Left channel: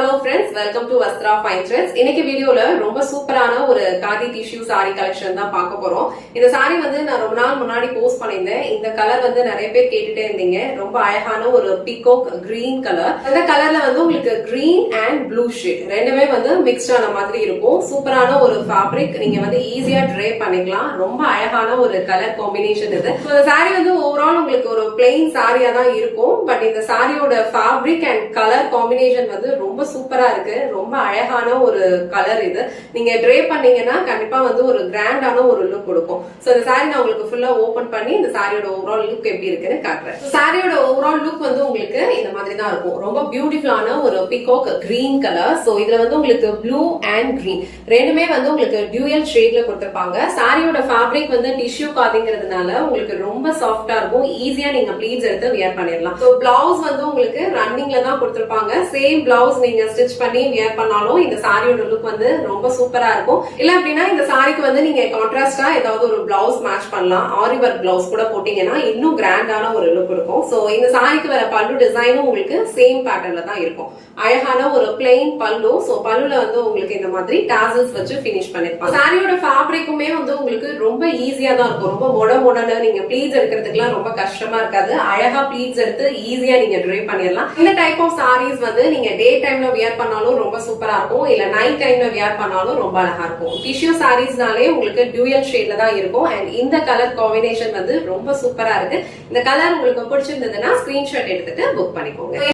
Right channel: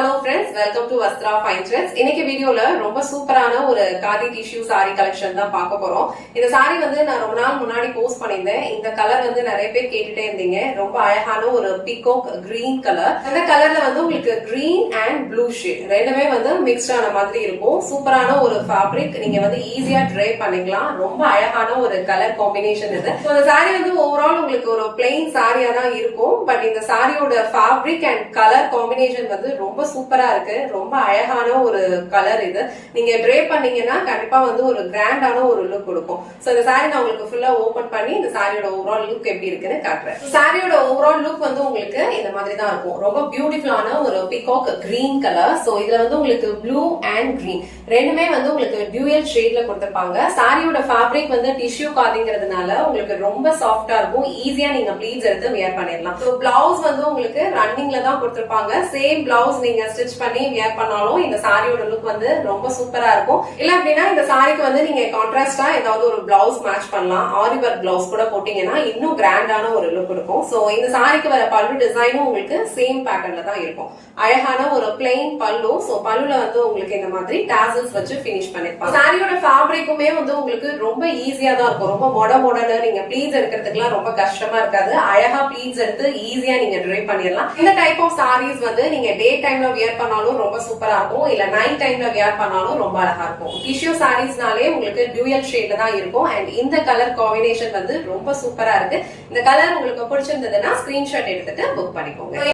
hello friends, welcome to Vastra Fine Threads. இன்னைக்கு வீடியோல ரொம்ப சூப்பரான ஒரு காதி டிஷ்யூ சாரி கலெக்ஷன் தான் பார்க்க போறோம். இந்த சாரி வந்து நான் ரொம்ப நாள் முன்னாடி போஸ்ட் பண்ணியிருந்தேன். இந்த கலர் வந்து நிறைய பேர் கேட்டுட்டே இருந்தீங்க. ரொம்ப அழகான ஒரு பீகாக் கிரீன் கலர். இந்த கலர்ல வந்து உங்களுக்கு கிரீன் அண்ட் ப்ளூ ஷேட் ரெண்டுமே வந்து மிக்ஸ்ட் ஆன மாதிரி இருக்கும். சூப்பரான ஒரு ஃபேப்ரிக், நீங்க வந்து ஈஸியா ட்ரை பண்ணிக்கலாம். ரொம்ப அழகான ஒரு கலர் காம்பினேஷன் இது. இந்த சாரி வந்து ஓவரால் உங்களுக்கு ஒரு பிளெயின் சாரியா தான் இருக்கும். பட் இந்த சாரியோட ஃபேப்ரிக் அண்ட் கலர் காம்பினேஷன் வந்து ரொம்ப சூப்பரா இருக்கு. ரொம்ப அழகான ஒரு கலர் இது. நீங்க ட்ரை பண்ணீங்கன்னா கண்டிப்பா வந்து ஒரு கிராண்டான ஒரு லுக் கொடுக்கும். சோ இந்த சாரி நான் உங்களுக்கு ஃபுல்லா ஓபன் பண்ணி இந்த சாரியோட ஓவரால் லுக் எப்படி இருக்குன்னு காட்டுறேன். சாரியோட ஓவரால் லுக் வந்து உங்களுக்கு இந்த மாதிரி தான் இருக்கும். ரொம்ப பியூட்டிஃபுல்லான ஒரு பீகாக் கிரீன் கலர். சோ இதுல வந்து உங்களுக்கு ப்ளூ அண்ட் கிரீன் ரெண்டுமே வந்து உங்களுக்கு டியூயல் ஷேட்ல கொடுத்திருப்பாங்க. சாரியோட ஃபேப்ரிக் வந்து டிஷ்யூ காதிங்கிறதுனால உங்களுக்கு ரொம்ப சாஃப்டா இருக்கும். ஈஸியா நீங்க ப்ளீட்ஸ் எடுத்து வியர் பண்ணிடலாம். சோ பிளவுஸ் வந்து உங்களுக்கு ரன்னிங்ல தான் கொடுத்திருப்பாங்க. சேம் பிளவுஸ் நீங்க ஸ்டிச் பண்ணி வியர் பண்ணாலும் இந்த சாரியோட லுக் வந்து ரொம்ப சூப்பரா இருக்கும். இல்ல அப்படின்னா இந்த சாரிக்கு வந்து நீங்க கான்ட்ராஸ்டா ஏதாவது ஒரு பிளவுஸ் மேட்ச் பண்ணலாம். ஆரி ஒர்க் பிளவுஸ் கூட போட்டீங்கன்னா இன்னும் கிராண்டான ஒரு லுக் இருக்கும். சோ இந்த சாரிக்கு வர பல்லு டிசைனும் உங்களுக்கு சேம் பேட்டர்ன்ல தான் இருக்கும். அழகான ஒரு பிளெயின் பல்லு. சோ பல்லுல வந்து உங்களுக்கு இந்த மாதிரி டாசல்ஸ் வச்சு பினிஷ் பண்ணிருப்பாங்க. சாரியோட ஃபேப்ரிக்குமே வந்து உங்களுக்கு ரொம்ப ஈஸியா தான் இருக்கும். ரொம்ப மொடன்னு நீங்க ப்ளீட்ஸ் எடுக்கிறதுக்குலாம் ரொம்ப கஷ்டமா இருக்காது. அழகா ப்ளீட்ஸ் எடுத்து ஈஸியா நீங்க ட்ரை பண்ணிடலாம். இந்த டைப் ஆஃப் சாரீஸ் வந்து நீங்க டே டைம்ல வியர் பண்ணாலும் ரொம்ப சூப்பரா இருக்கும். இல்ல நைட் டைம்ல வியர் பண்ணாலும் ரொம்ப அழகா இருக்கும். டிஷ்யூ சாரீஸ்னாலே உங்களுக்கு டியூயல் ஷேட்ல தான் இருக்கும். அண்ட் இந்த கலர் காம்பினேஷன் வந்து ரொம்ப சூப்பரா இருக்கு. இந்த கலர் உங்களுக்கு பிடிச்சிருந்ததுன்னா ஸ்கிரீன்ஷாட் எடுத்துட்டு புக் பண்ணிக்கோங்க.